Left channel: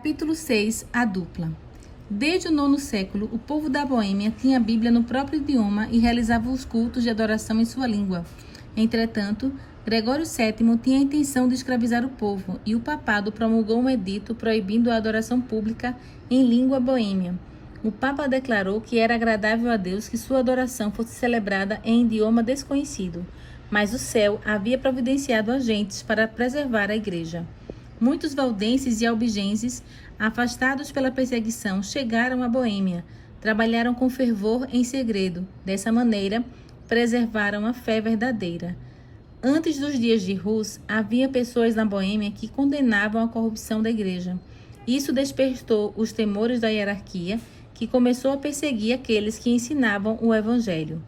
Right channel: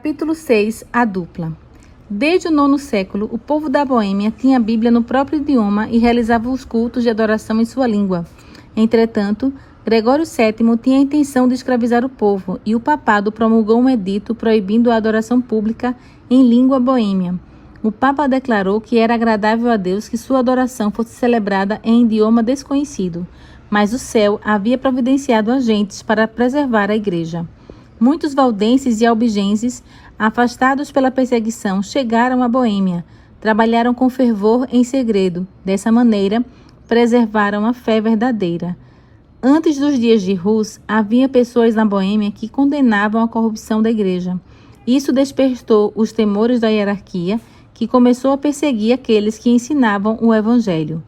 Capítulo 6. A dupla. Desde o IX século, o povo da Boêmia tinha a Bíblia no próprio idioma e realizava os cultos de adoração em sua língua. Entretanto, Gregório VII tinha a intenção de escravizar o povo e o papado promulgou um edito proibindo a adoração pública em língua boêmia. O Papa declarou que era agradável a Deus que sua adoração fosse celebrada em idioma desconhecido, mas o céu havia providenciado agentes para preservar a igreja. Muitos valdenses e albigenses, afastados pela perseguição, chegaram à Boêmia, trabalharam com fervor em segredo. Dessa maneira, preservaram a fé verdadeira. Antes dos dias de Rus, havia pessoas na Boêmia que condenavam a corrupção da igreja. Isso despertou os temores da hierarquia, que começou a perseguir aqueles que ensinavam o evangelho.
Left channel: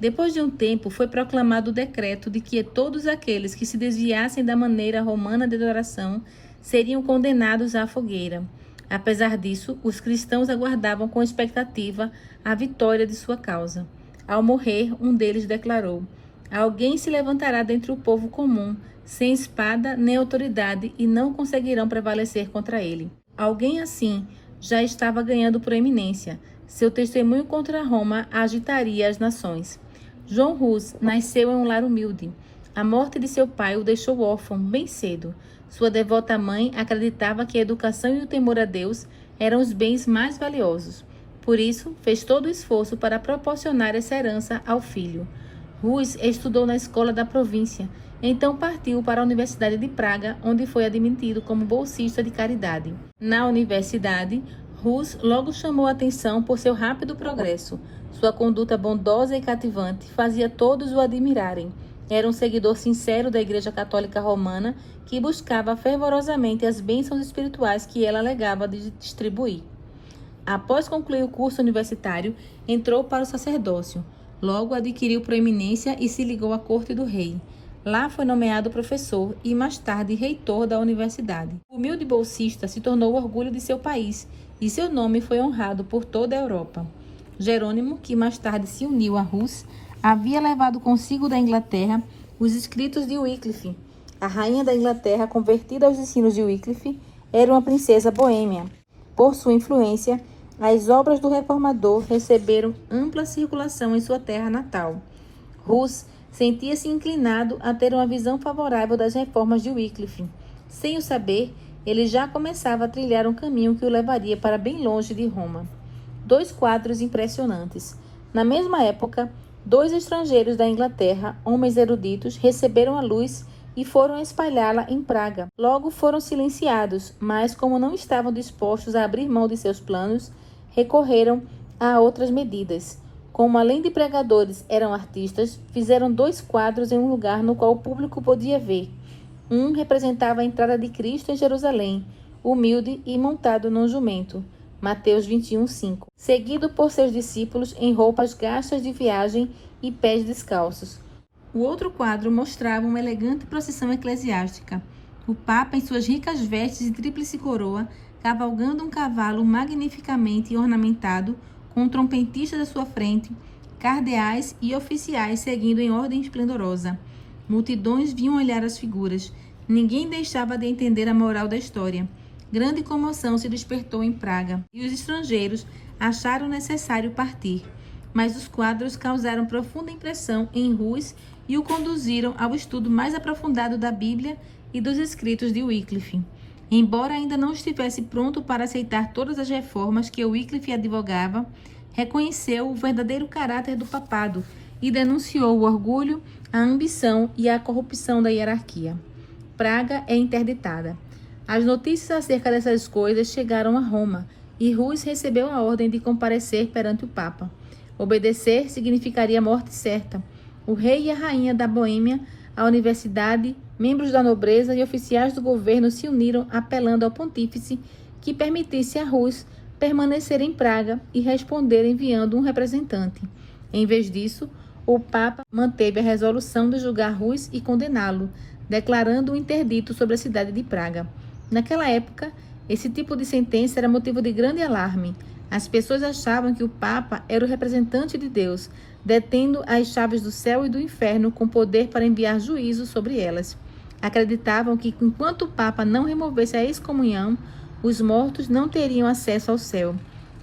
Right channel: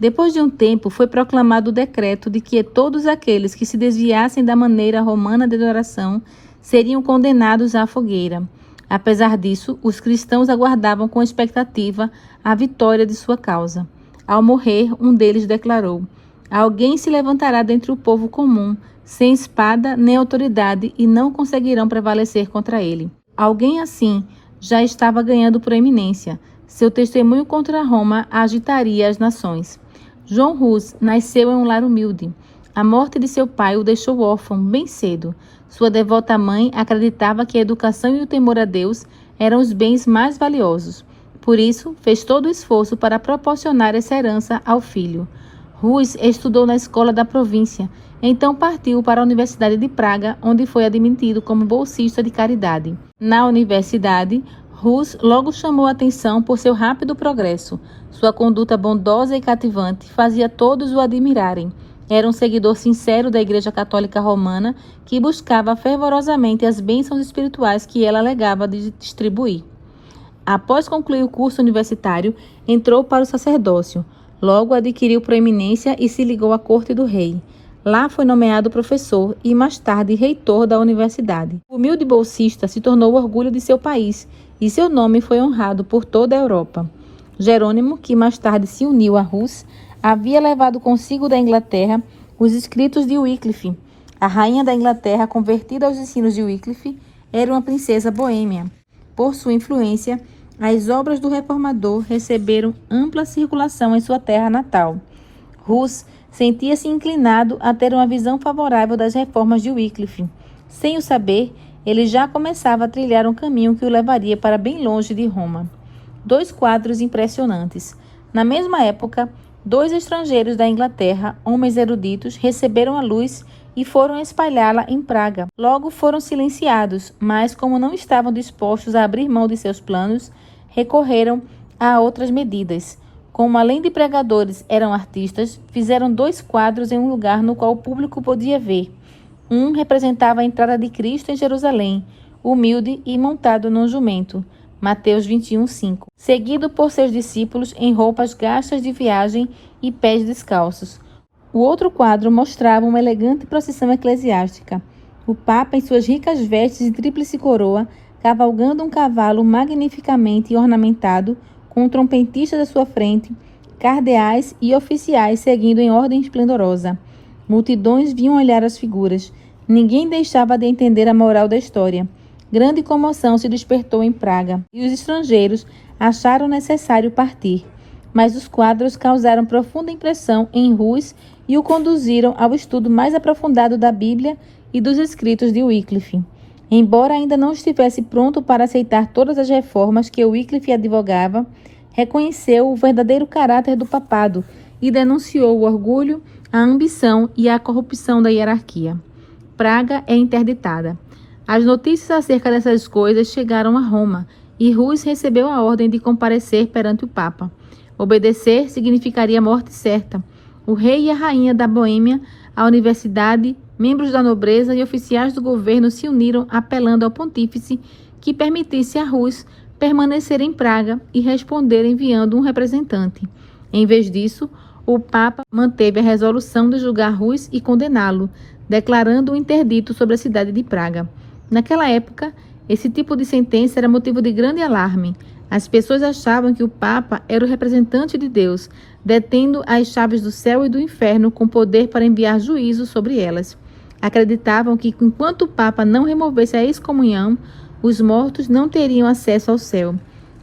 Depois de um tempo, foi proclamado o decreto de que todos aqueles que se desviassem da maneira romana de adoração seriam condenados à fogueira. Apesar disso, os cristãos aguardavam com expectativa a vitória de sua causa. Ao morrer, um deles declarou: "Alguém se levantará dentre o povo comum, sem espada nem autoridade, e não conseguirão prevalecer contra ele." Alguém assim já estava ganhando proeminência. Seu testemunho contra Roma agitaria as nações. João Rus nasceu em um lar humilde. A morte de seu pai o deixou órfão bem cedo. Sua devota mãe acreditava que a educação e o temor a Deus eram os bens mais valiosos. Por isso, fez todo o esforço para proporcionar essa herança ao filho. Rus estudou na escola da província, então partiu para a Universidade de Praga, onde foi admitido como bolsista de caridade. Na universidade, Rus logo chamou a atenção por seu rápido progresso. Sua conduta bondosa e cativante fazia todos o admirarem. Era um seguidor sincero da Igreja Católica Romana que buscava fervorosamente as bênçãos espirituais que ela alegava de distribuir. Após concluir o curso universitário, entrou para o sacerdócio. Logo adquiriu proeminência e se ligou à corte do rei. Lá foi nomeado professor e mais tarde reitor da universidade. O humilde bolsista se tornou o orgulho de seu país e seu nome foi honrado por toda a Europa. Jerônimo, que mais tarde se uniu a Rus, havia levado consigo da Inglaterra os escritos de Wycliffe. A rainha da Inglaterra, convertida aos ensinos de Wycliffe, era uma princesa boêmia. Por sua influência, as obras do reformador receberam ampla circulação em sua terra natal. Rus sentia-se inclinado a ter uma visão favorável das reformas de Wycliffe. Sem o saber, ele já começava a trilhar um caminho que o levaria para bem longe de Roma. Dois quadros impressionantes. Na mesma época, dois estrangeiros da Inglaterra, homens eruditos, receberam a luz e foram espalhá-la em Praga. Logo foram silenciados, mas como não estavam dispostos a abrir mão de seus planos, recorreram a outras medidas. Como além de pregadores eram artistas, fizeram dois quadros em um lugar no qual o público podia ver. Um representava a entrada de Cristo em Jerusalém, humilde e montado num jumento, Mateus 21:5, seguido por seus discípulos em roupas gastas de viagem e pés descalços. O outro quadro mostrava uma elegante procissão eclesiástica. O Papa, em suas ricas vestes de tríplice coroa, cavalgando um cavalo magnificamente ornamentado, com um trompetista à sua frente, cardeais e oficiais seguindo em ordem esplendorosa. Multidões vinham olhar as figuras. Ninguém deixava de entender a moral da história. Grande comoção se despertou em Praga, e os estrangeiros acharam necessário partir. Mas os quadros causaram profunda impressão em Rus e o conduziram ao estudo mais aprofundado da Bíblia e dos escritos de Wycliffe. Embora ainda não estivesse pronto para aceitar todas as reformas que Wycliffe advogava, reconheceu o verdadeiro caráter do papado e denunciou o orgulho, a ambição e a corrupção da hierarquia. Praga é interditada. As notícias acerca dessas coisas chegaram a Roma e Rus recebeu a ordem de comparecer perante o Papa. Obedecer significaria morte certa. O rei e a rainha da Boêmia, a universidade, membros da nobreza e oficiais do governo se uniram apelando ao pontífice que permitisse a Rus permanecer em Praga e responder enviando um representante. Em vez disso, o Papa manteve a resolução de julgar Rus e condená-lo, declarando um interdito sobre a cidade de Praga. Naquela época, esse tipo de sentença era motivo de grande alarme. As pessoas achavam que o Papa era o representante de Deus, detendo as chaves do céu e do inferno com poder para enviar juízo sobre elas. Acreditavam que, enquanto o Papa não removesse a excomunhão, Os mortos não teriam acesso ao céu.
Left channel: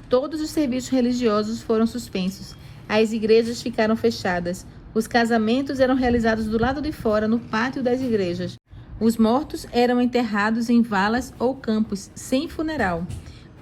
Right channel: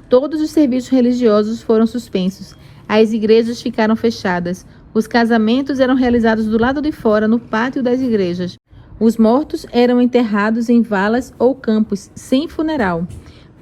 Todos os serviços religiosos foram suspensos. As igrejas ficaram fechadas. Os casamentos eram realizados do lado de fora, no pátio das igrejas. Os mortos eram enterrados em valas ou campos, sem funeral.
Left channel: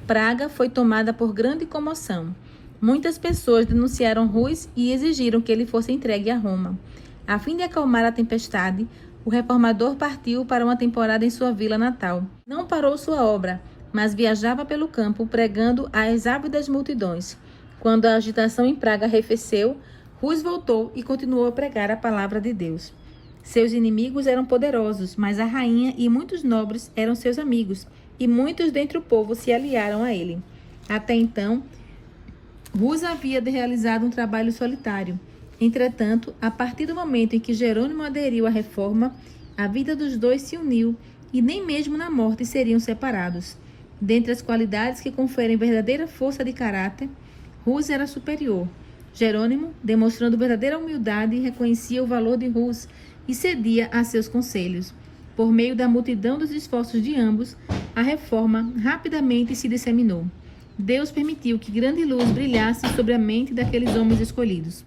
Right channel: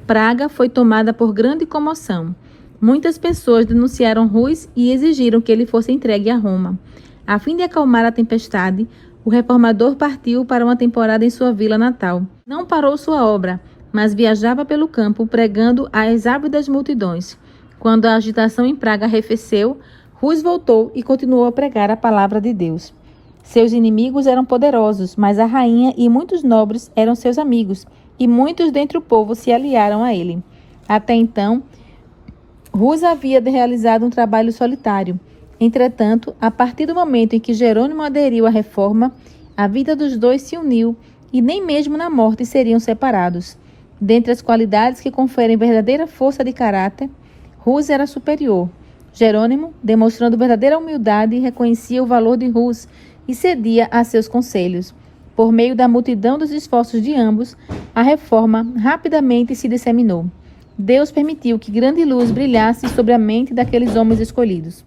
Praga foi tomada por grande comoção. Muitas pessoas denunciaram Rus e exigiram que ele fosse entregue a Roma. A fim de acalmar a tempestade, o reformador partiu para uma temporada em sua vila natal. Não parou sua obra, mas viajava pelo campo pregando às ávidas multidões. Quando a agitação em Praga arrefeceu, Rus voltou e continuou a pregar a palavra de Deus. Seus inimigos eram poderosos, mas a rainha e muitos nobres eram seus amigos, e muitos dentre o povo se aliaram a ele. Até então, Rus havia realizado um trabalho solitário. Entretanto, a partir do momento em que Jerônimo aderiu à reforma, a vida dos dois se uniu e nem mesmo na morte seriam separados. Dentre as qualidades que conferem verdadeira força de caráter, Rus era superior. Jerônimo, demonstrando verdadeira humildade, reconhecia o valor de Rus e cedia a seus conselhos. Por meio da multidão dos esforços de ambos, a reforma rapidamente se disseminou. Deus permitiu que grande luz brilhasse sobre a mente daqueles homens escolhidos.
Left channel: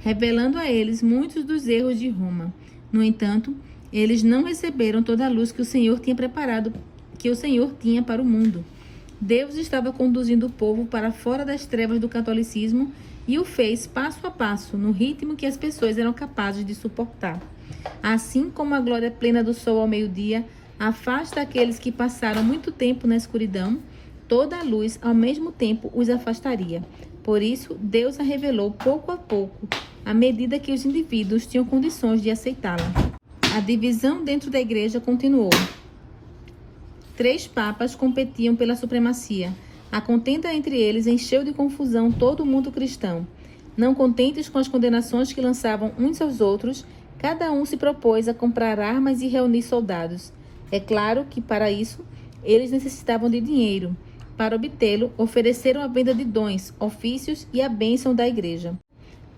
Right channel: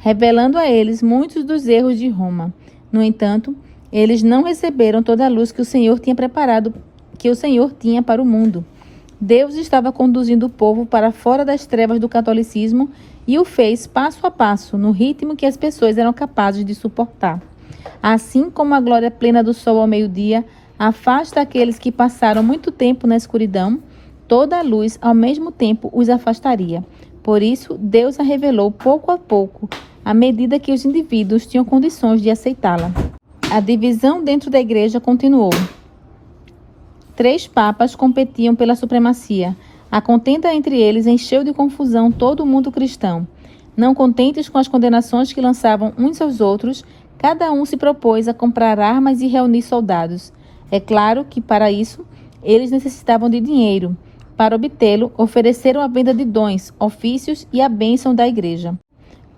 Revelando a eles muitos dos erros de Roma. No entanto, eles não receberam toda a luz que o Senhor tinha para o mundo. Deus estava conduzindo o povo para fora das trevas do catolicismo e o fez passo a passo, no ritmo que as pessoas eram capazes de suportar. Assim como a glória plena do sol ao meio-dia afasta aqueles que passaram muito tempo na escuridão, toda a luz ao mesmo tempo os afastaria. Por isso, Deus a revelou pouco a pouco, à medida que os indivíduos tinham condições de aceitá-la. A divisão dentro da igreja continuou. 3 papas competiam pela supremacia. A contenda entre eles encheu de confusão todo o mundo cristão. Não contentes com as condenações que lançavam uns aos outros, cada um se propôs a comprar armas e reunir soldados. É claro que, para isso, eles necessitavam de dinheiro. Para obtê-lo, ofereceram a venda de dons, ofícios e a bênção da igreja.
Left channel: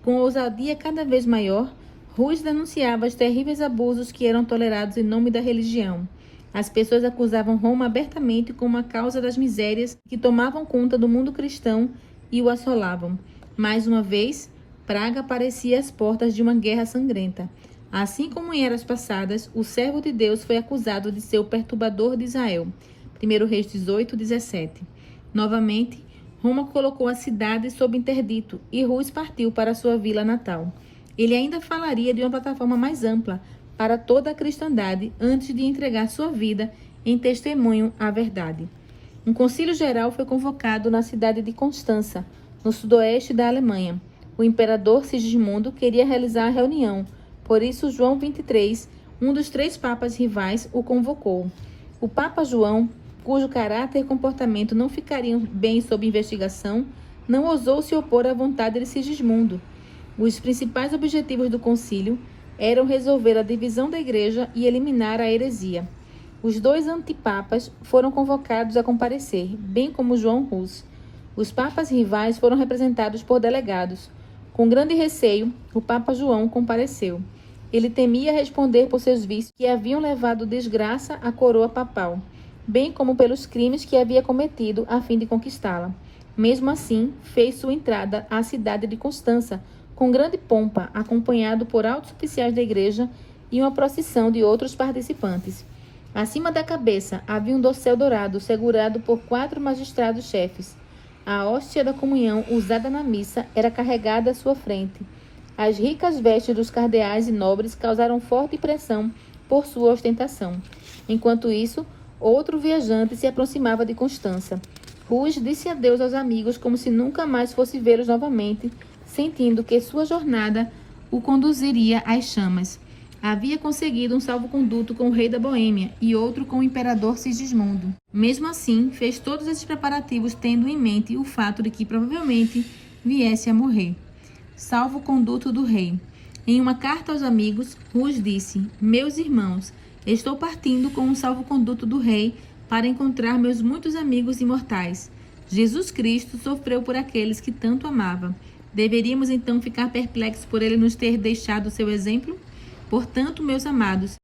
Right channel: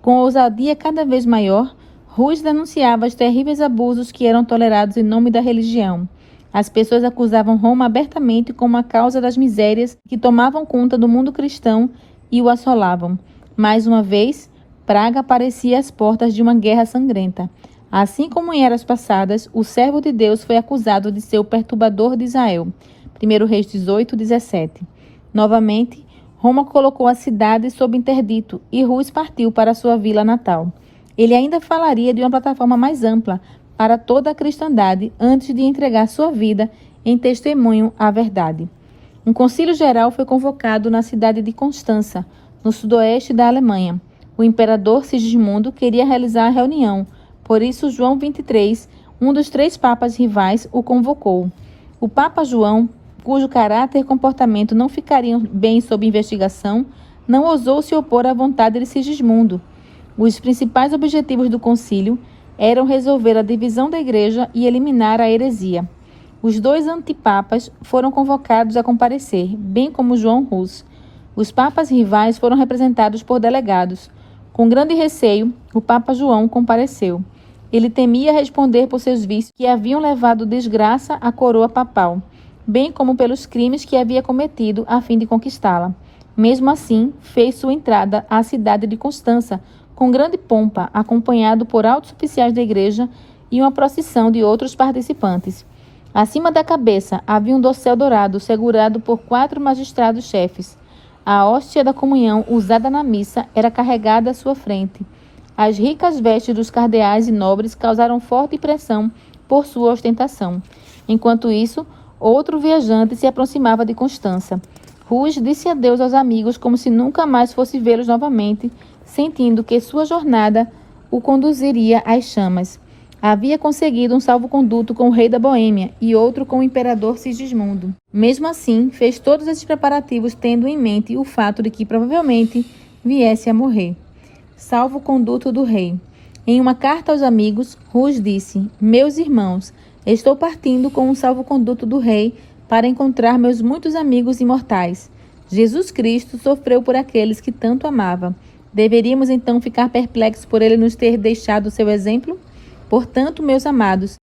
Com ousadia cada vez maior, Rus denunciava os terríveis abusos que eram tolerados em nome da religião. As pessoas acusavam Roma abertamente como a causa das misérias que tomavam conta do mundo cristão e o assolavam. Mais uma vez, Praga aparecia às portas de uma guerra sangrenta. Assim como em eras passadas, o servo de Deus foi acusado de ser o perturbador de Israel. 1 Reis 18, 17. Novamente, Roma colocou a cidade sob interdito e Rus partiu para sua vila natal. Ele ainda falaria de uma plataforma mais ampla para toda a cristandade antes de entregar sua vida em testemunho à verdade. Um concílio geral foi convocado na cidade de Constança, no sudoeste da Alemanha. O imperador Sigismundo queria realizar a reunião, por isso João XXIII, um dos 3 papas rivais, o convocou. O Papa João, cujo caráter e comportamento não ficariam bem sob investigação, não ousou se opor à vontade de Sigismundo. Os principais objetivos do concílio eram resolver a divisão da igreja e eliminar a heresia. Os 2 antipapas foram convocados a comparecer, bem como João Rus. Os papas rivais foram representados por delegados. Com grande receio, o Papa João compareceu. Ele temia responder por seus vícios que haviam levado desgraça à coroa papal, bem como pelos crimes que havia cometido a fim de conquistá-la. Mesmo assim, fez sua entrada à cidade de Constança com grande pompa, acompanhado por altos oficiais da igreja e uma procissão de outros participantes. Acima da cabeça havia um dossel dourado segurado por 4 magistrados-chefes. A hóstia da comunhão usada na missa era carregada à sua frente. As ricas vestes dos cardeais e nobres causaram forte impressão por sua ostentação. Enquanto isso, outro viajante se aproximava de Constança. Rus disse adeus aos amigos como se nunca mais fosse vê-los novamente, sentindo que sua jornada o conduziria às chamas. Havia conseguido um salvo-conduto com o rei da Boêmia e outro com o imperador Sigismundo. Mesmo assim, fez todos esses preparativos tendo em mente o fato de que provavelmente viesse a morrer. Salvo-conduto do rei. Em uma carta aos amigos, Rus disse: "Meus irmãos, estou partindo com um salvo-conduto do rei para encontrar meus muitos amigos imortais. Jesus Cristo sofreu por aqueles que tanto amava. Deveríamos então ficar perplexos por ele nos ter deixado o seu exemplo? Portanto, meus amados,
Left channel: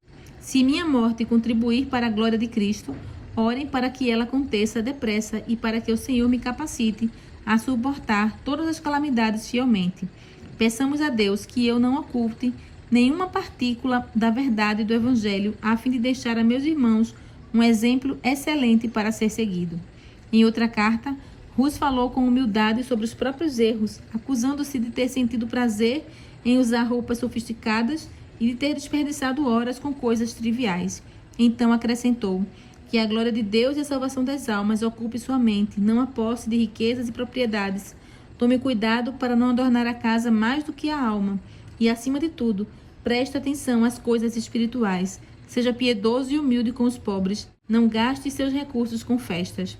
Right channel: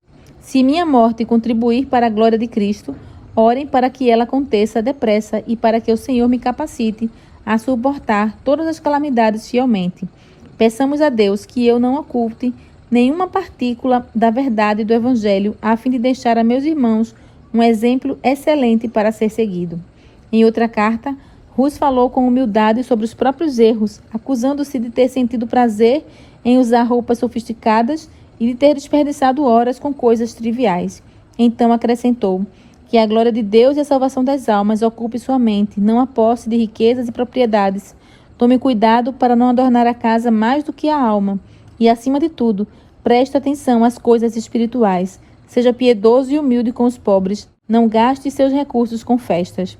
Se minha morte contribuir para a glória de Cristo, orem para que ela aconteça depressa e para que o Senhor me capacite a suportar todas as calamidades fielmente. Peçamos a Deus que eu não oculte nenhuma partícula da verdade do Evangelho, a fim de deixar a meus irmãos um exemplo excelente para ser seguido. Em outra carta, Rus falou com humildade sobre os próprios erros, acusando-se de ter sentido prazer em usar roupas sofisticadas e de ter desperdiçado horas com coisas triviais. Então acrescentou: que a glória de Deus e a salvação das almas ocupe sua mente, não a posse de riquezas e propriedades. Tome cuidado para não adornar a casa mais do que a alma. E, acima de tudo, preste atenção às coisas espirituais. Seja piedoso e humilde com os pobres. Não gaste seus recursos com festas.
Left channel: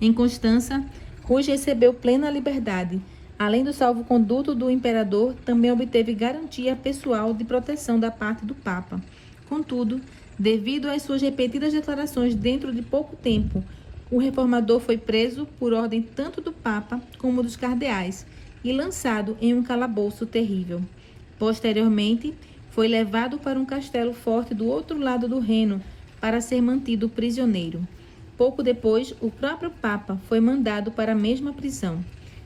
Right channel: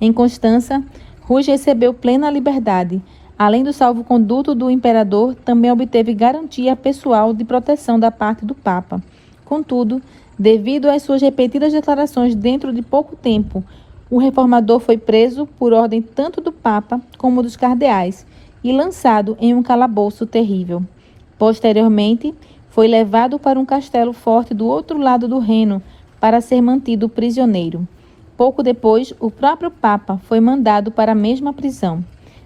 Em Constança, Rus recebeu plena liberdade. Além do salvo-conduto do imperador, também obteve garantia pessoal de proteção da parte do Papa. Contudo, devido às suas repetidas declarações dentro de pouco tempo, o reformador foi preso por ordem tanto do Papa como dos cardeais e lançado em um calabouço terrível. Posteriormente, foi levado para um castelo forte do outro lado do Reno para ser mantido prisioneiro. Pouco depois, o próprio Papa foi mandado para a mesma prisão.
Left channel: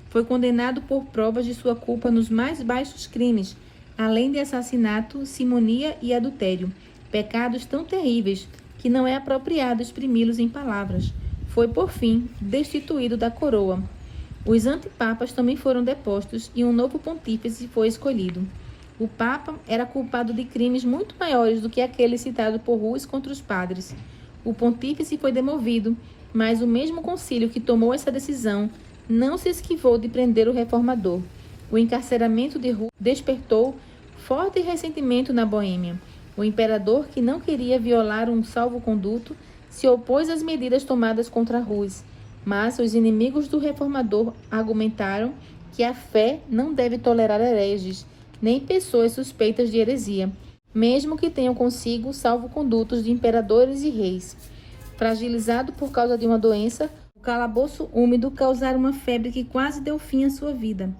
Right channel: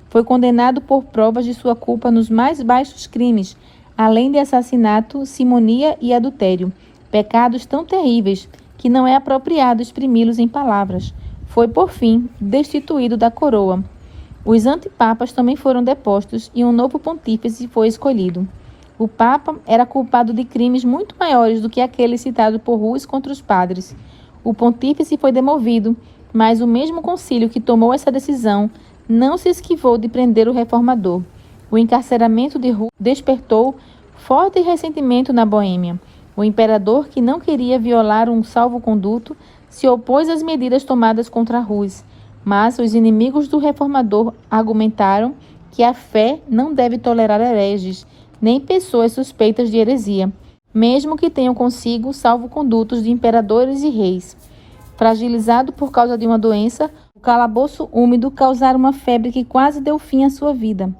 Foi condenado por provas de sua culpa nos mais baixos crimes, além de assassinato, simonia e adultério, pecados tão terríveis que não é apropriado exprimi-los em palavras. Foi, por fim, destituído da coroa. Os antipapas também foram depostos e um novo pontífice foi escolhido. O Papa era culpado de crimes muito maiores do que aquele citado por Rus contra os padres. O pontífice foi demovido, mas o mesmo concílio que tomou essa decisão não se esquivou de prender o reformador. O encarceramento de Rus despertou forte ressentimento na Boêmia. O imperador, que não queria violar um salvo-conduto, se opôs às medidas tomadas contra Rus, mas os inimigos do reformador argumentaram que a fé não deve tolerar hereges, nem pessoas suspeitas de heresia, mesmo que tenham consigo salvo-condutos de imperadores e reis. Fragilizado por causa de uma doença, o calabouço úmido causara uma febre que quase deu fim à sua vida.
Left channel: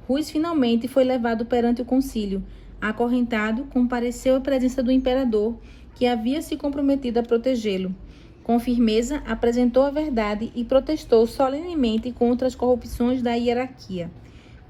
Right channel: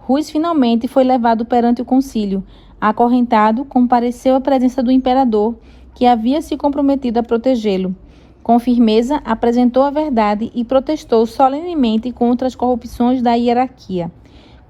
Rus finalmente foi levado perante o concílio. Acorrentado, compareceu à presença do imperador, que havia se comprometido a protegê-lo. Com firmeza, apresentou a verdade e protestou solenemente contra as corrupções da hierarquia.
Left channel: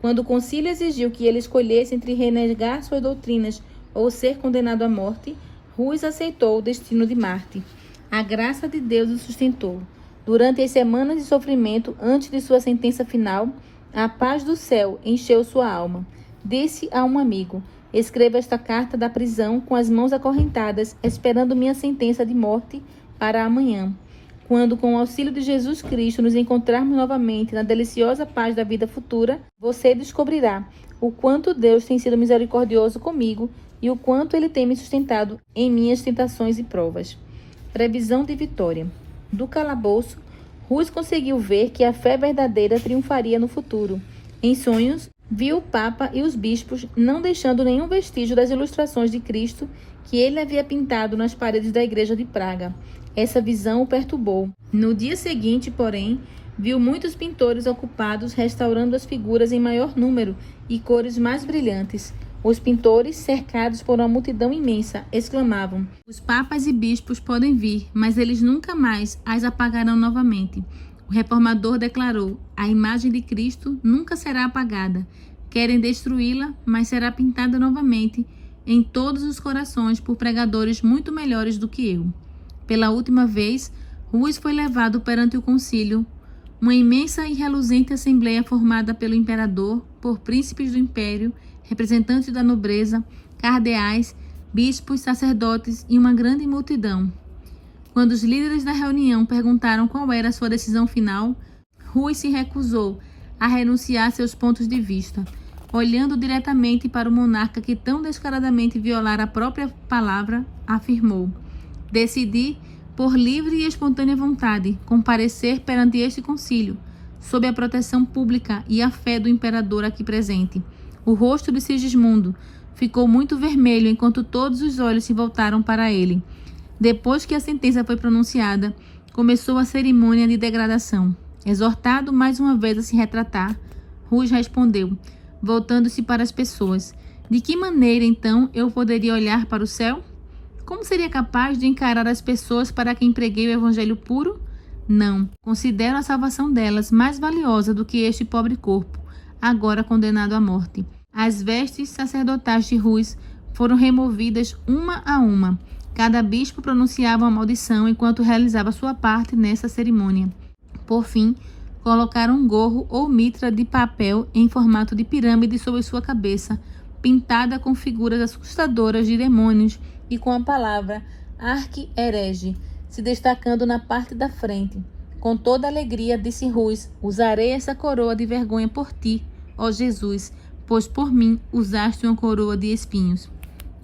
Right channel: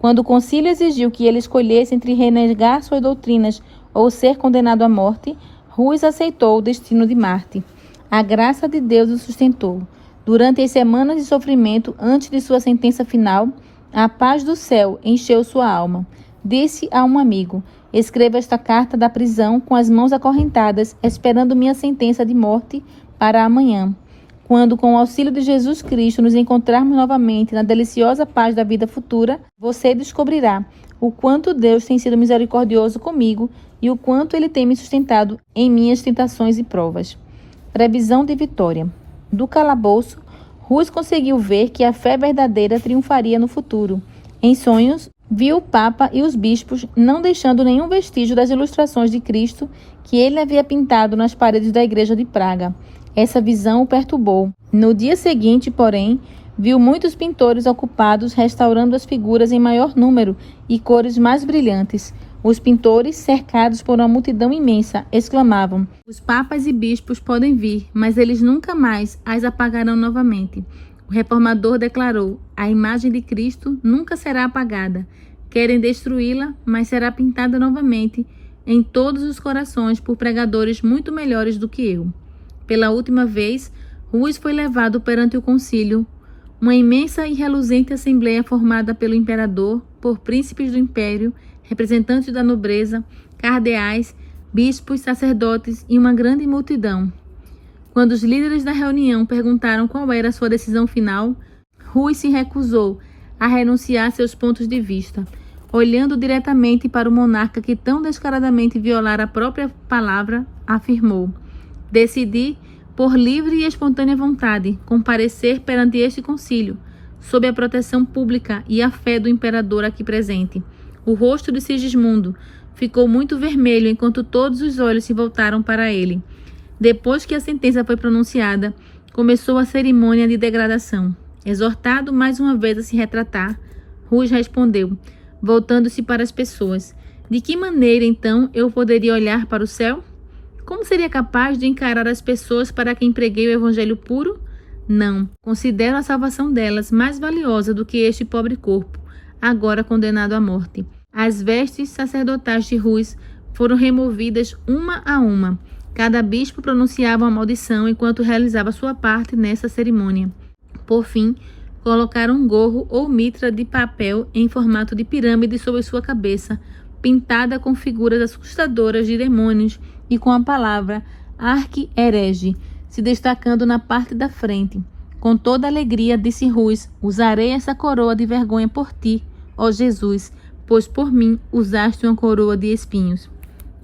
Quando o concílio exigiu que ele escolhesse entre renegar suas doutrinas ou ser condenado à morte, Rus aceitou o destino de Marte. A graça de Deus o sustentou. Durante as semanas de sofrimento antes de sua sentença final, a paz do céu encheu sua alma. Disse a um amigo: escreva esta carta da prisão com as mãos acorrentadas, esperando minha sentença de morte para amanhã. Quando, com o auxílio de Jesus Cristo, nos encontrarmos novamente na deliciosa paz da vida futura, você descobrirá o quanto Deus tem sido misericordioso comigo e o quanto Ele tem me sustentado em minhas tentações e provas. Previsão de vitória. Do calabouço, Rus conseguiu ver que a fé verdadeira triunfaria no futuro. Em sonhos, viu o Papa e os bispos não deixando nenhum vestígio das ilustrações de Cristo que ele havia pintado nas paredes da igreja de Praga. Essa visão o perturbou. No dia seguinte, porém, viu muitos pintores ocupados restaurando as figuras em maior número e cores mais brilhantes. Os pintores, cercados por uma multidão imensa, exclamavam: os papas e bispos podem vir, mas eles nunca mais as apagarão novamente. O reformador declarou: a imagem de Cristo nunca será apagada. Querem destruí-la, mas será pintada novamente em todos os corações por pregadores muito melhores do que eu. Pela última vez, Rus foi levado perante o concílio, uma imensa e reluzente assembleia formada pelo imperador, por príncipes do império, representantes da nobreza, cardeais, bispos, sacerdotes e uma grande multidão. Quando os líderes da reunião perguntaram qual era a sua decisão final, Rus se recusou a renunciar a seus pontos de vista. Olhando diretamente para o monarca que tão descaradamente violara a própria palavra, afirmou: decidi, por livre e espontânea vontade, comparecer perante este concílio, sob a proteção pública e a fé do imperador aqui presente. O rosto de Sigismundo ficou muito vermelho enquanto todos os olhos se voltaram para ele. Depois que a sentença foi pronunciada, começou a cerimônia de degradação. Exortado mais uma vez a se retratar, Rus respondeu, voltando-se para as pessoas: de que maneira, então, eu poderia olhar para o céu? Como seria capaz de encarar as pessoas para quem preguei o evangelho puro? Não. Considero a salvação delas mais valiosa do que este pobre corpo, agora condenado à morte. As vestes sacerdotais de Rus foram removidas uma a uma. Cada bispo pronunciava uma maldição enquanto realizava sua parte nessa cerimônia. Por fim, colocaram um gorro ou mitra de papel em formato de pirâmide sobre sua cabeça, pintada com figuras assustadoras de demônios e com a palavra arqui-herege se destacando na parte da frente. Com toda alegria, disse Rus, usarei essa coroa de vergonha por ti, ó Jesus, pois por mim usaste uma coroa de espinhos.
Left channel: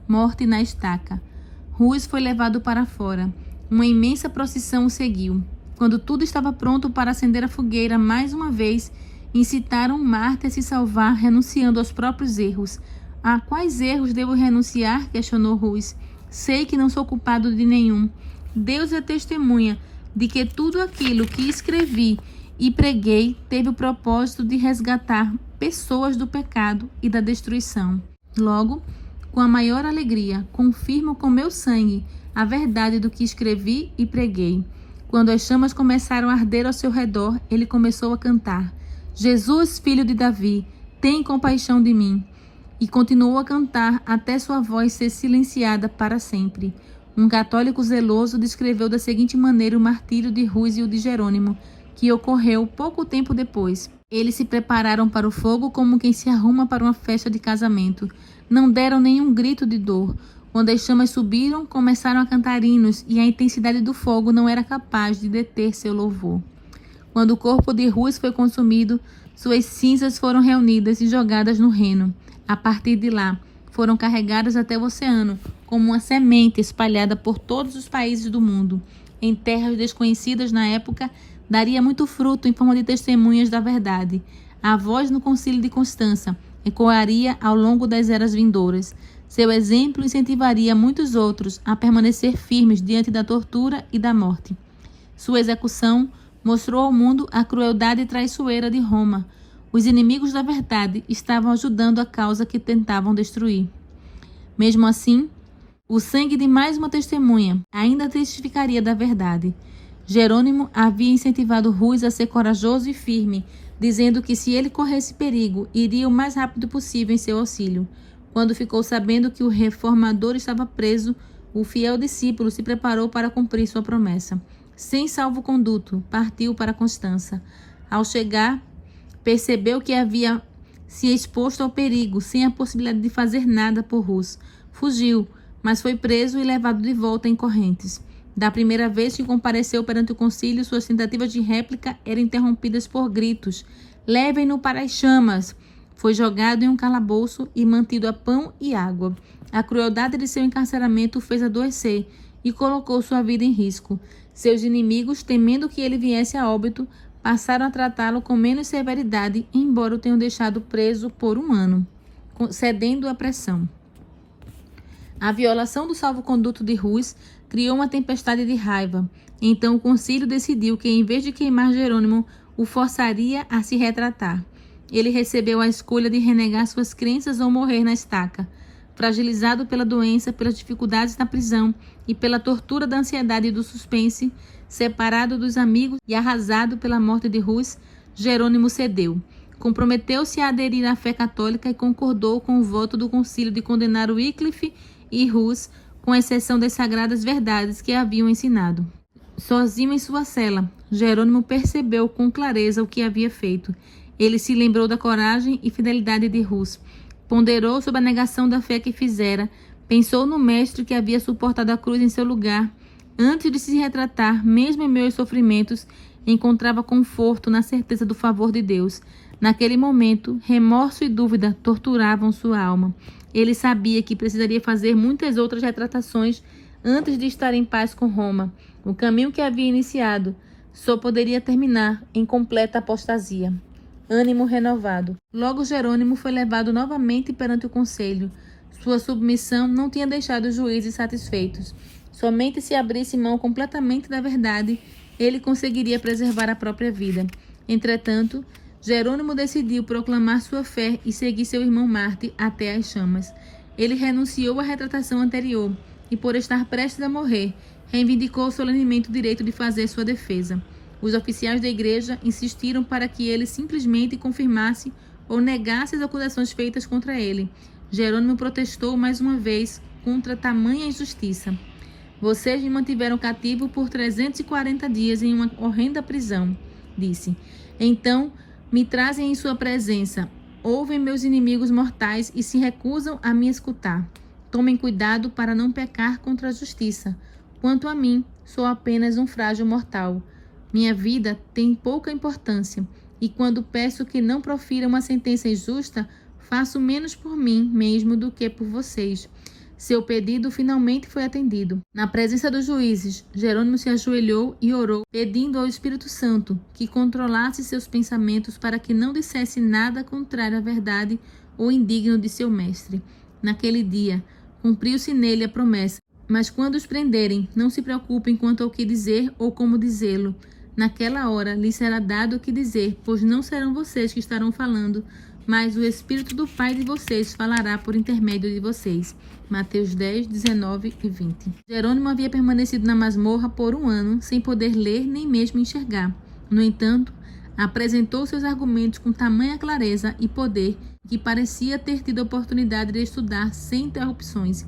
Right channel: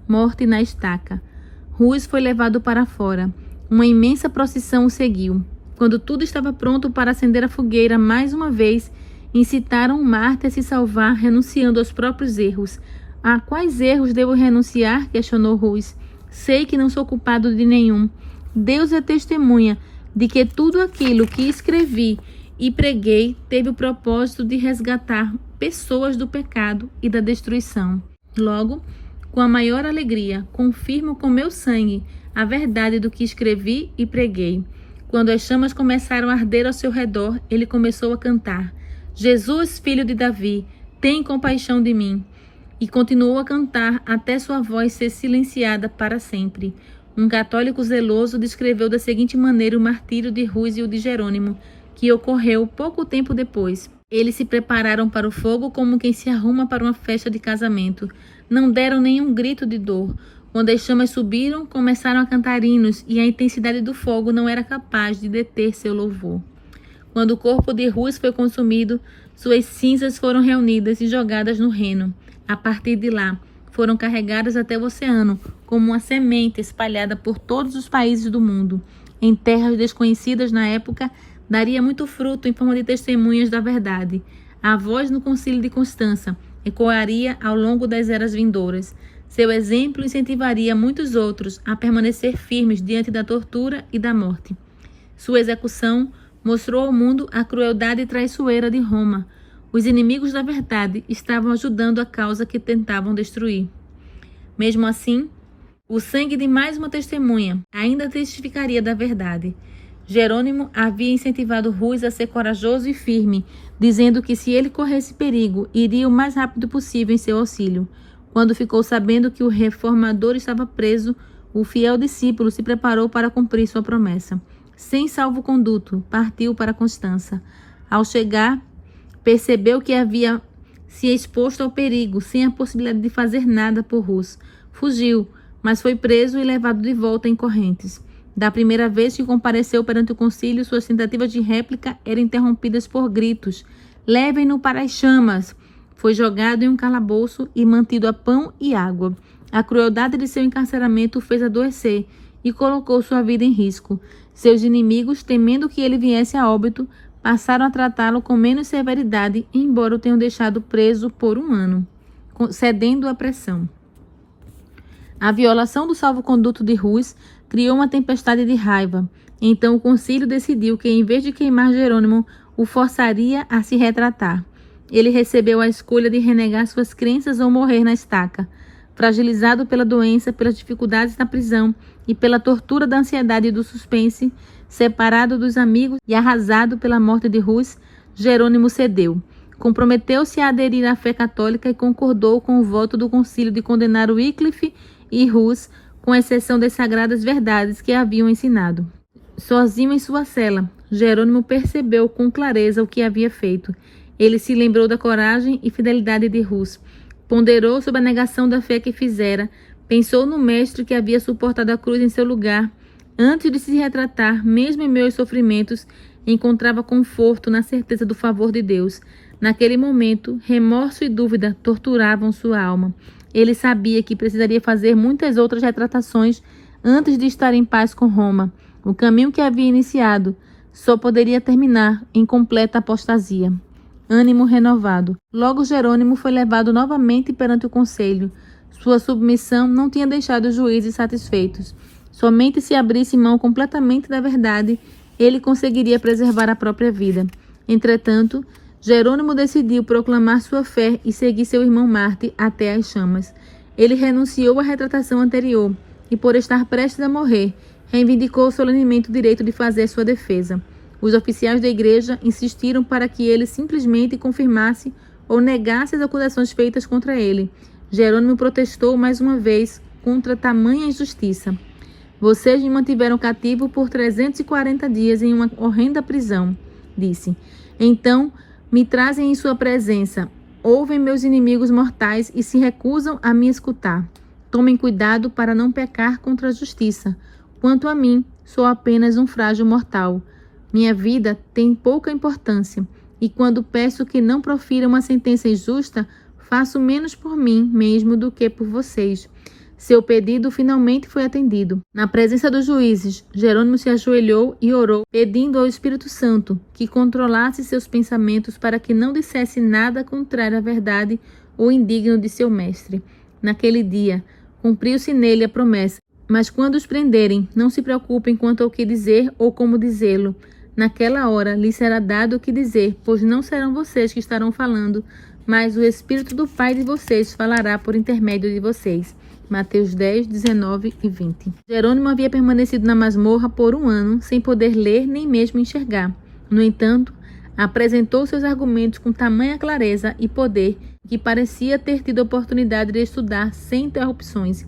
Morte na estaca. Rus foi levado para fora. Uma imensa procissão o seguiu. Quando tudo estava pronto para acender a fogueira mais uma vez, incitaram o mártir a se salvar, renunciando aos próprios erros. A quais erros devo renunciar? Questionou Rus. Sei que não sou culpado de nenhum. Deus é testemunha de que tudo aquilo que escrevi e preguei teve o propósito de resgatar pessoas do pecado e da destruição. Logo, com a maior alegria, confirmo com meu sangue a verdade do que escrevi e preguei. Quando as chamas começaram a arder ao seu redor, ele começou a cantar: Jesus, filho de Davi, tem compaixão de mim. E continuou a cantar até sua voz ser silenciada para sempre. Um católico zeloso descreveu da seguinte maneira o martírio de Rus e o de Jerônimo, que ocorreu pouco tempo depois. Eles se prepararam para o fogo como quem se arruma para uma festa de casamento. Não deram nenhum grito de dor. Quando as chamas subiram, começaram a cantar hinos, e a intensidade do fogo não era capaz de deter seu louvor. Quando o corpo de Rus foi consumido, suas cinzas foram reunidas e jogadas no Reno. A partir de lá, foram carregadas até o oceano, como uma semente espalhada por todos os países do mundo. Em terras desconhecidas na época, daria muito fruto em forma de testemunhas da verdade. A voz no concílio de Constança ecoaria ao longo das eras vindouras. Seu exemplo incentivaria muitos outros a permanecer firmes diante da tortura e da morte. Sua execução mostrou ao mundo a crueldade traiçoeira de Roma. Os inimigos da verdade estavam ajudando a causa que tentavam destruir. Mesmo assim, o sangue de mais uma testemunha ainda testificaria da verdade. Jerônimo havia incentivado Rus a ser corajoso e firme, dizendo que se ele corresse perigo, iria o mais rápido possível em seu auxílio. Quando ficou sabendo que o reformador estava preso, o fiel discípulo se preparou para cumprir sua promessa. Sem salvo-conduto, partiu para Constança. Ao chegar, percebeu que havia se exposto ao perigo, sem a possibilidade de fazer nada por Rus. Fugiu, mas foi preso e levado de volta em correntes. Da primeira vez que compareceu perante o concílio, suas tentativas de réplica eram interrompidas por gritos: "Levem-no para as chamas!" Foi jogado em um calabouço e mantido a pão e água. A crueldade de seu encarceramento o fez adoecer e colocou sua vida em risco. Seus inimigos, temendo que ele viesse a óbito, passaram a tratá-lo com menos severidade, embora o tenham deixado preso por 1 ano, cedendo à pressão. A violação do salvo-conduto de Rus criou uma tempestade de raiva. Então o concílio decidiu que, em vez de queimar Jerônimo, o forçaria a se retratar. Ele recebeu a escolha de renegar suas crenças ou morrer na estaca. Fragilizado pela doença, pelas dificuldades na prisão e pela tortura da ansiedade e do suspense, separado dos amigos e arrasado pela morte de Rus, Jerônimo cedeu. Comprometeu-se a aderir à fé católica e concordou com o voto do concílio de condenar Wycliffe e Rus, com exceção das sagradas verdades que haviam ensinado. Sozinho em sua cela, Jerônimo percebeu com clareza o que havia feito. Ele se lembrou da coragem e fidelidade de Rus. Ponderou sobre a negação da fé que fizera. Pensou no mestre que havia suportado a cruz em seu lugar. Antes de se retratar, mesmo em meio aos sofrimentos, encontrava conforto na certeza do favor de Deus. Naquele momento, remorso e dúvida torturavam sua alma. Ele sabia que precisaria fazer muitas outras retratações antes de estar em paz com Roma. O caminho que havia iniciado só poderia terminar em completa apostasia. Ânimo renovado. Logo Jerônimo foi levado novamente perante o conselho. Sua submissão não tinha deixado os juízes satisfeitos. Somente se abrisse mão completamente da verdade, ele conseguiria preservar a própria vida. Entretanto, Jerônimo decidiu proclamar sua fé e seguir seu irmão Marte até as chamas. Ele renunciou à retratação anterior, e por estar prestes a morrer, reivindicou solenemente o direito de fazer sua defesa. Os oficiais da igreja insistiram para que ele simplesmente confirmasse ou negasse as acusações feitas contra ele. Jerônimo protestou mais uma vez contra tamanha injustiça. Vocês me mantiveram cativo por 340 dias em uma horrenda prisão, disse. Então, me trazem em sua presença. Ouvem meus inimigos mortais e se recusam a me escutar. Tomem cuidado para não pecar contra a justiça. Quanto a mim, sou apenas um frágil mortal. Minha vida tem pouca importância, e quando peço que não profira uma sentença injusta, faço menos por mim mesmo do que por vocês. Seu pedido finalmente foi atendido. Na presença dos juízes, Jerônimo se ajoelhou e orou, pedindo ao Espírito Santo que controlasse seus pensamentos para que não dissesse nada contrário à verdade ou indigno de seu mestre. Naquele dia, cumpriu-se nele a promessa. Mas quando os prenderem, não se preocupem quanto ao que dizer ou como dizê-lo. Naquela hora lhes será dado o que dizer, pois não serão vocês que estarão falando, mas o Espírito do Pai de vocês falará por intermédio de vocês. Mateus 10, 19 e 20. Jerônimo havia permanecido na masmorra por 1 ano, sem poder ler nem mesmo enxergar. No entanto, apresentou seus argumentos com tamanha clareza e poder que parecia ter tido a oportunidade de estudar sem interrupções.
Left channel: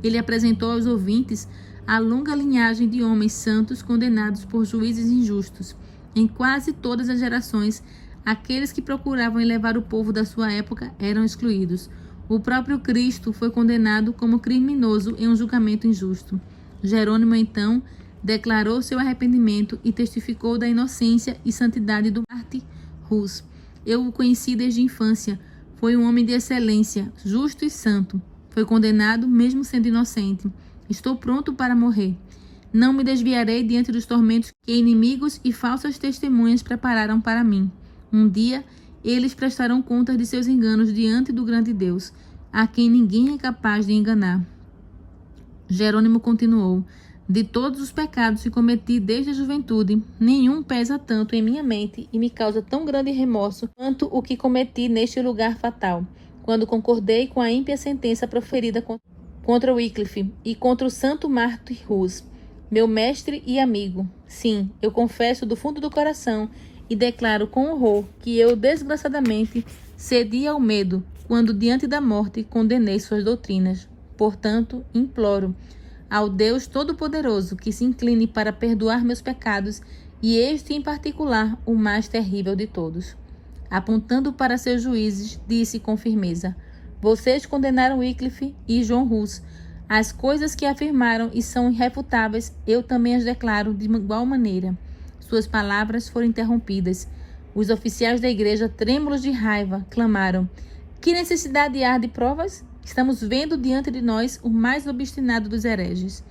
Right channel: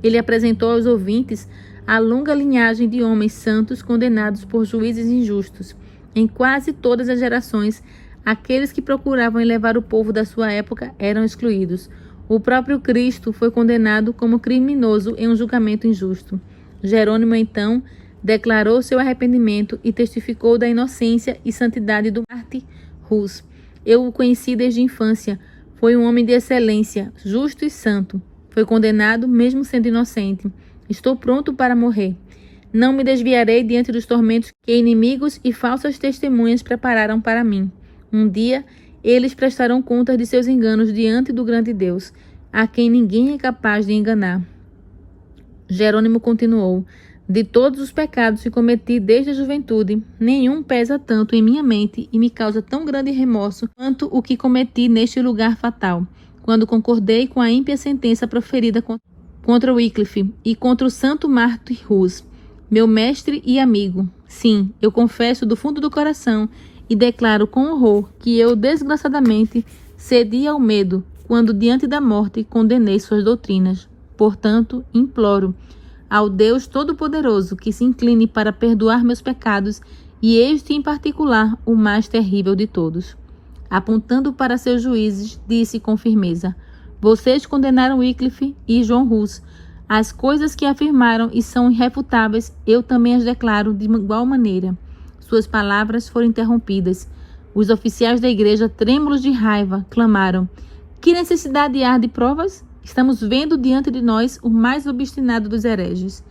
Ele apresentou aos ouvintes a longa linhagem de homens santos condenados por juízes injustos. Em quase todas as gerações, aqueles que procuravam elevar o povo da sua época eram excluídos. O próprio Cristo foi condenado como criminoso em um julgamento injusto. Jerônimo, então, declarou seu arrependimento e testificou da inocência e santidade do mártir Hus. Eu o conheci desde a infância. Foi um homem de excelência, justo e santo. Foi condenado, mesmo sendo inocente. Estou pronto para morrer. Não me desviarei diante dos tormentos que inimigos e falsas testemunhas prepararam para mim. Um dia, eles prestarão contas de seus enganos diante do grande Deus, a quem ninguém é capaz de enganar. Jerônimo continuou: de todos os pecados que cometi desde a juventude, nenhum pesa tanto em minha mente e me causa tão grande remorso quanto o que cometi neste lugar fatal, quando concordei com a ímpia sentença proferida contra Wycliffe e contra o santo mártir Hus, meu mestre e amigo. Sim, eu confesso do fundo do coração e declaro com horror que eu, desgraçadamente, cedi ao medo quando, diante da morte, condenei suas doutrinas. Portanto, imploro ao Deus Todo-Poderoso que se incline para perdoar meus pecados, e este, em particular, o mais terrível de todos. Apontando para seus juízes, disse com firmeza: vocês condenaram Wycliffe e John Hus. As coisas que afirmaram e são irrefutáveis, eu também as declaro de igual maneira. Suas palavras foram interrompidas. Os oficiais da igreja, trêmulos de raiva, clamaram: que necessidade há de provas? Estamos vendo diante de nós o mais obstinado dos hereges.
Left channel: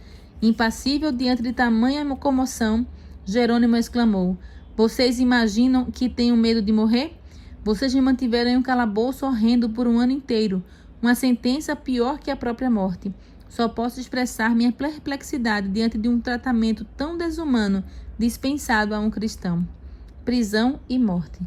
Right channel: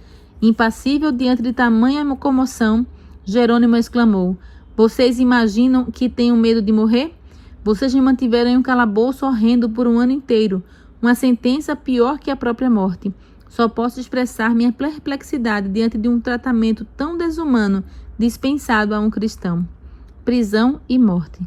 Impassível diante de tamanha comoção, Jerônimo exclamou: vocês imaginam que tenho medo de morrer? Vocês me mantiveram em um calabouço horrendo por 1 ano inteiro, uma sentença pior que a própria morte. Só posso expressar minha perplexidade diante de um tratamento tão desumano dispensado a um cristão. Prisão e morte.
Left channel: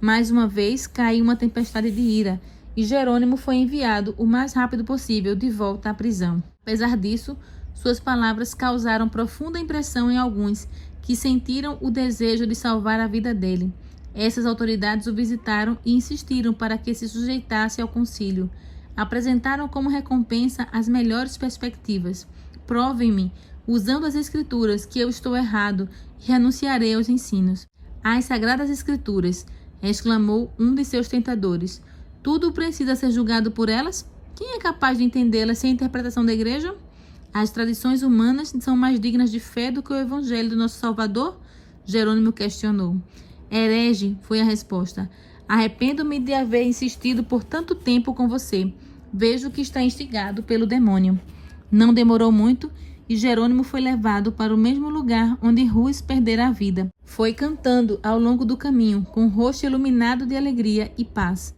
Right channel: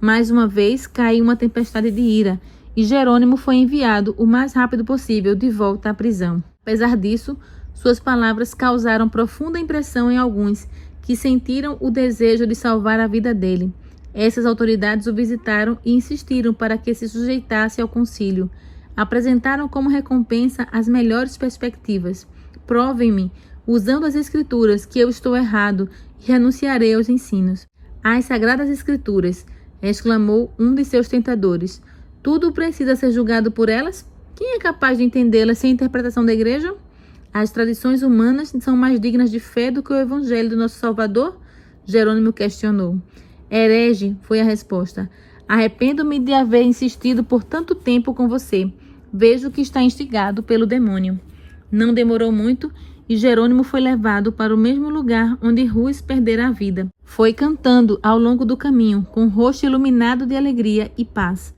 Mais uma vez caiu uma tempestade de ira, e Jerônimo foi enviado o mais rápido possível de volta à prisão. Apesar disso, suas palavras causaram profunda impressão em alguns que sentiram o desejo de salvar a vida dele. Essas autoridades o visitaram e insistiram para que se sujeitasse ao concílio. Apresentaram como recompensa as melhores perspectivas. Provem-me, usando as Escrituras, que eu estou errado e renunciarei aos ensinos. As Sagradas Escrituras, exclamou um de seus tentadores. Tudo precisa ser julgado por elas? Quem é capaz de entendê-las sem a interpretação da igreja? As tradições humanas são mais dignas de fé do que o Evangelho do nosso Salvador? Jerônimo questionou. Herege, foi a resposta. Arrependo-me de haver insistido por tanto tempo com você. Vejo que está instigado pelo demônio. Não demorou muito e Jerônimo foi levado para o mesmo lugar onde Hus perdera a vida. Foi cantando ao longo do caminho, com o rosto iluminado de alegria e paz.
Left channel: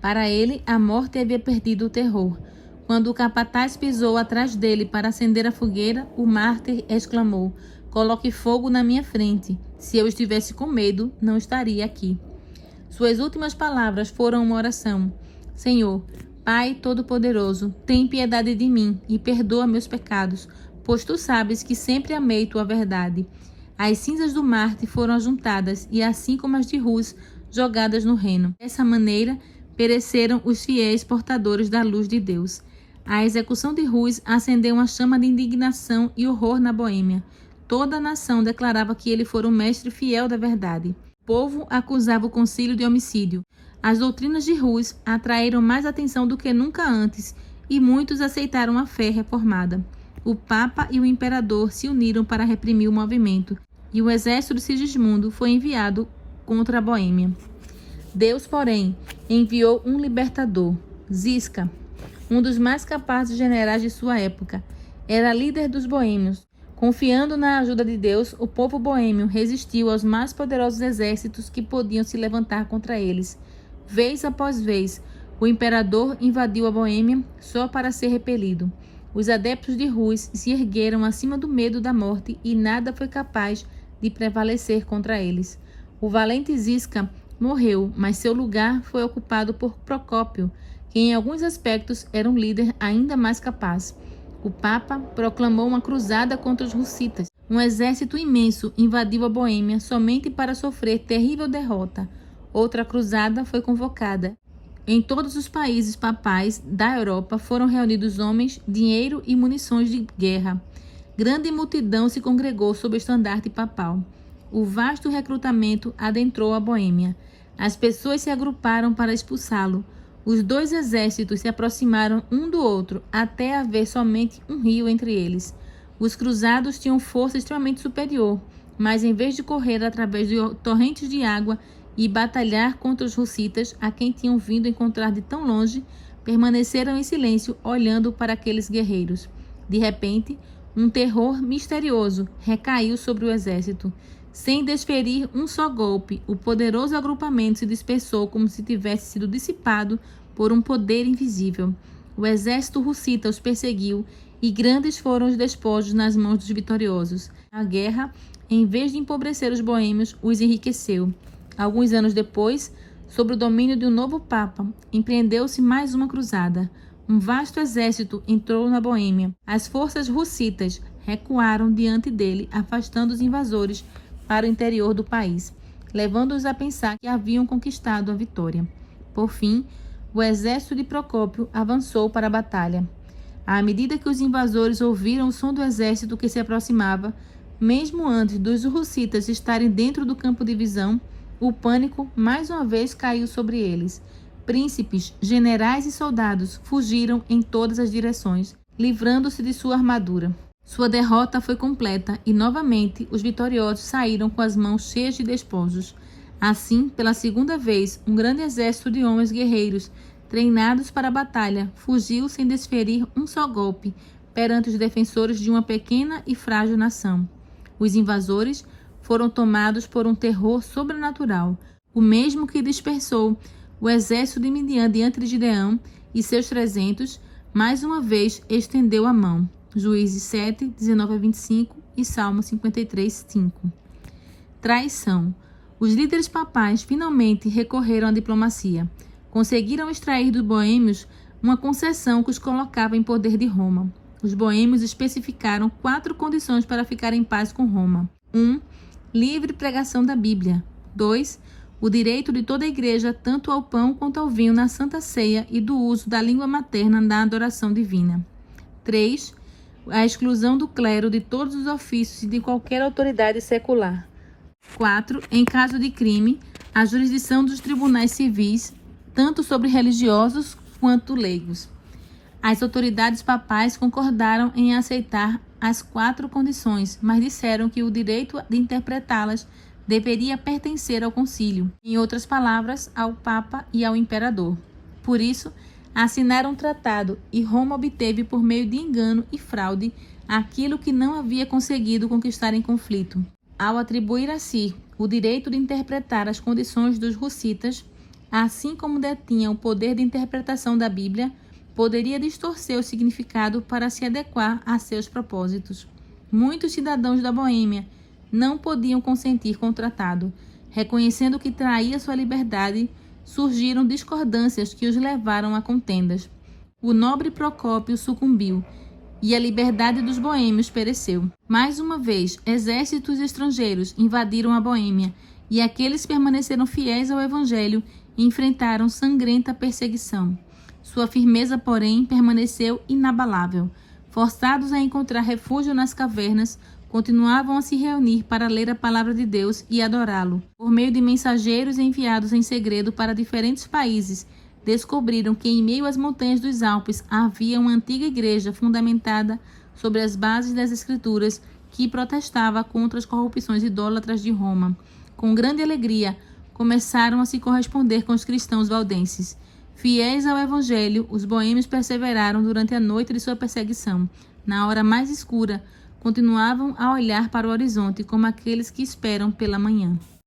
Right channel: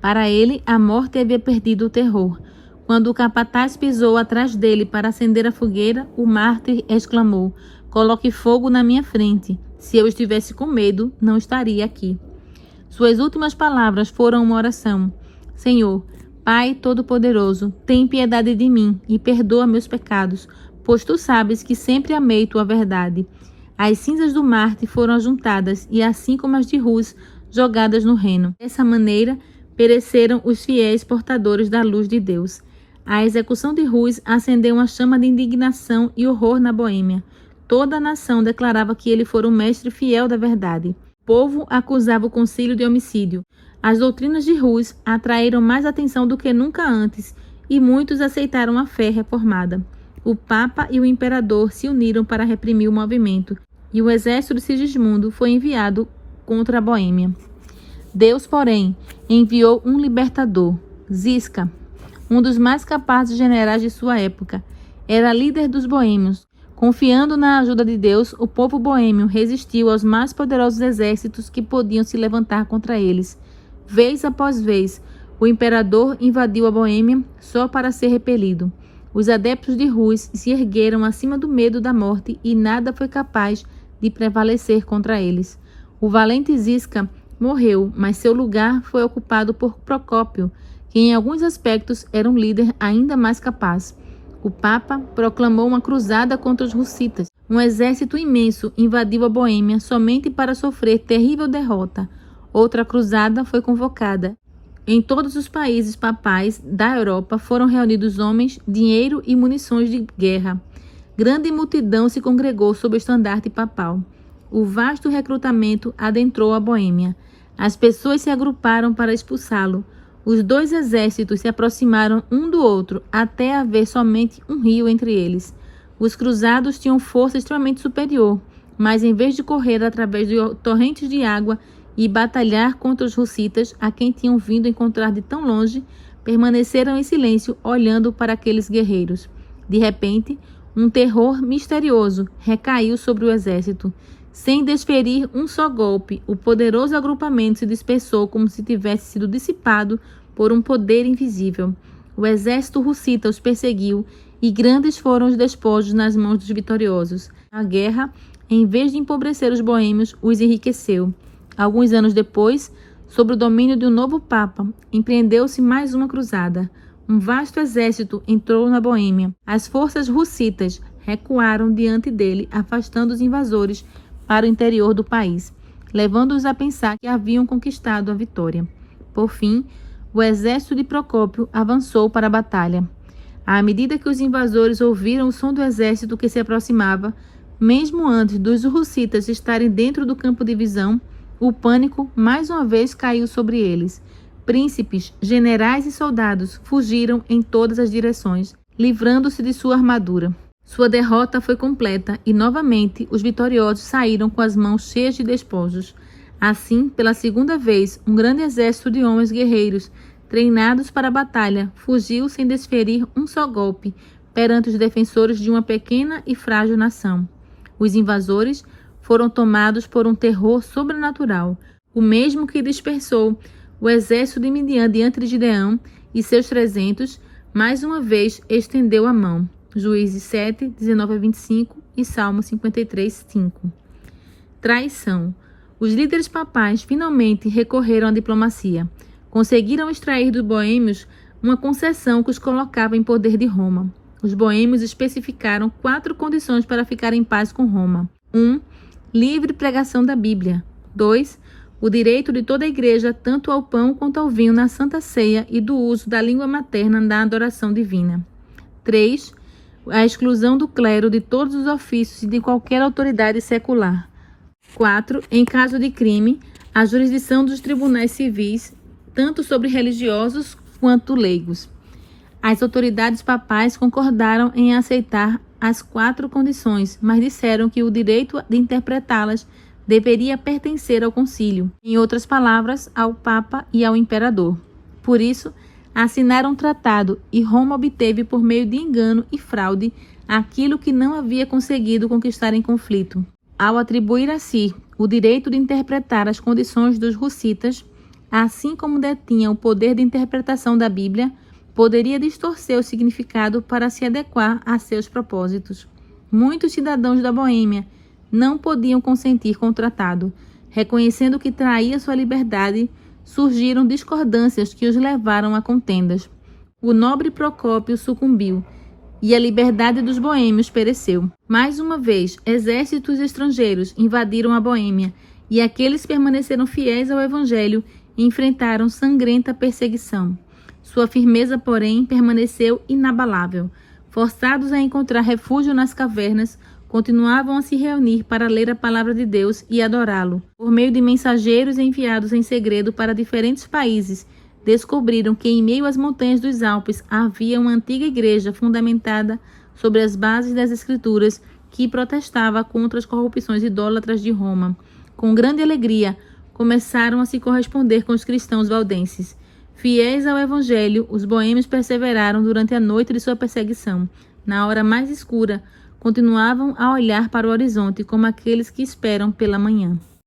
Para ele, a morte havia perdido o terror. Quando o capataz pisou atrás dele para acender a fogueira, o mártir exclamou: coloque fogo na minha frente. Se eu estivesse com medo, não estaria aqui. Suas últimas palavras foram uma oração. Senhor, Pai Todo-Poderoso, tem piedade de mim e perdoa meus pecados, pois tu sabes que sempre amei tua verdade. As cinzas do Marte foram ajuntadas e assim como as de Rus, jogadas no Reno. Dessa maneira, pereceram os fiéis portadores da luz de Deus. A execução de Rus acendeu uma chama de indignação e horror na Boêmia. Toda a nação declarava que ele fora um mestre fiel da verdade. O povo acusava o concílio de homicídio. As doutrinas de Rus atraíram mais atenção do que nunca antes e muitos aceitaram a fé reformada. O Papa e o Imperador se uniram para reprimir o movimento e o exército de Sigismundo foi enviado contra a Boêmia. Deus, porém, enviou um libertador, Zisca, um dos mais capazes generais de sua época. Era líder dos boêmios. Confiando na ajuda de Deus, o povo boêmio resistiu aos mais poderosos exércitos que podiam se levantar contra eles. Vez após vez, o imperador invadiu a Boêmia só para ser repelido. Os adeptos de Rus se ergueram acima do medo da morte e nada foi capaz de prevalecer contra eles. O valente Zisca morreu, mas seu lugar foi ocupado por Procópio, que em alguns aspectos era um líder ainda mais capaz. O Papa proclamou uma cruzada contra os russitas. Um exército imenso invadiu a Boêmia somente para sofrer terrível derrota. Outra cruzada foi convocada. Em todos os países papais da Europa foram reunidos homens, dinheiro e munições de guerra. Grande multidão se congregou sob o estandarte papal. O vasto recrutamento adentrou a Boêmia. As pessoas se agruparam para expulsá-lo. Os dois exércitos se aproximaram um do outro até haver somente um rio entre eles. Os cruzados tinham força extremamente superior, mas em vez de correr através de torrentes de água e batalhar contra os russitas, a quem tinham vindo encontrar de tão longe, permaneceram em silêncio olhando para aqueles guerreiros. De repente, um terror misterioso recaiu sobre o exército. Sem desferir um só golpe, o poderoso agrupamento se dispersou como se tivesse sido dissipado por um poder invisível. O exército russita os perseguiu e grandes foram os despojos nas mãos dos vitoriosos. A guerra, em vez de empobrecer os boêmios, os enriqueceu. Alguns anos depois, sob o domínio de um novo papa, empreendeu-se mais uma cruzada. Um vasto exército entrou na Boêmia. As forças russitas recuaram diante dele, afastando os invasores para o interior do país, levando-os a pensar que haviam conquistado a vitória. Por fim, o exército de Procópio avançou para a batalha. À medida que os invasores ouviram o som do exército que se aproximava, mesmo antes dos russitas estarem dentro do campo de visão, o pânico mais uma vez caiu sobre eles. Príncipes, generais e soldados fugiram em todas as direções, livrando-se de sua armadura. Sua derrota foi completa e, novamente, os vitoriosos saíram com as mãos cheias de despojos. Assim, pela segunda vez, um grande exército de homens guerreiros, treinados para a batalha, fugiu sem desferir um só golpe perante os defensores de uma pequena e frágil nação. Os invasores foram tomados por um terror sobrenatural, o mesmo que dispersou o exército de Midian diante de Gideão e seus 300, mais uma vez estendeu a mão. Juízes 7, 19 a 25 e Salmo 53, 5. Traição. Os líderes papais finalmente recorreram à diplomacia. Conseguiram extrair dos boêmios uma concessão que os colocava em poder de Roma. Os boêmios especificaram 4 condições para ficar em paz com Roma. 1. Livre pregação da Bíblia. 2. O direito de toda a igreja tanto ao pão quanto ao vinho na Santa Ceia e do uso da língua materna na adoração divina. 3. A exclusão do clero de todos os ofícios e de qualquer autoridade secular. 4. Em caso de crime, a jurisdição dos tribunais civis, tanto sobre religiosos quanto leigos. As autoridades papais concordaram em aceitar as 4 condições, mas disseram que o direito de interpretá-las deveria pertencer ao concílio, em outras palavras, ao Papa e ao Imperador. Por isso, assinaram um tratado e Roma obteve por meio de engano e fraude aquilo que não havia conseguido conquistar em conflito. Ao atribuir a si o direito de interpretar as condições dos russitas, assim como detinha o poder de interpretação da Bíblia, poderia distorcer o significado para se adequar a seus propósitos. Muitos cidadãos da Boêmia não podiam consentir com o tratado. Reconhecendo que traía sua liberdade, surgiram discordâncias que os levaram a contendas. o nobre Procópio sucumbiu e a liberdade dos boêmios pereceu. Mais uma vez, exércitos estrangeiros invadiram a Boêmia e aqueles que permaneceram fiéis ao Evangelho enfrentaram sangrenta perseguição. Sua firmeza, porém, permaneceu inabalável. Forçados a encontrar refúgio nas cavernas, continuavam a se reunir para ler a palavra de Deus e adorá-lo. Por meio de mensageiros enviados em segredo para diferentes países, descobriram que em meio às montanhas dos Alpes havia uma antiga igreja fundamentada sobre as bases das Escrituras que protestava contra as corrupções idólatras de Roma. Com grande alegria, começaram a se corresponder com os cristãos valdenses. Fiéis ao Evangelho, os boêmios perseveraram durante a noite de sua perseguição. Na hora mais escura, continuavam a olhar para o horizonte como aqueles que esperam pela manhã.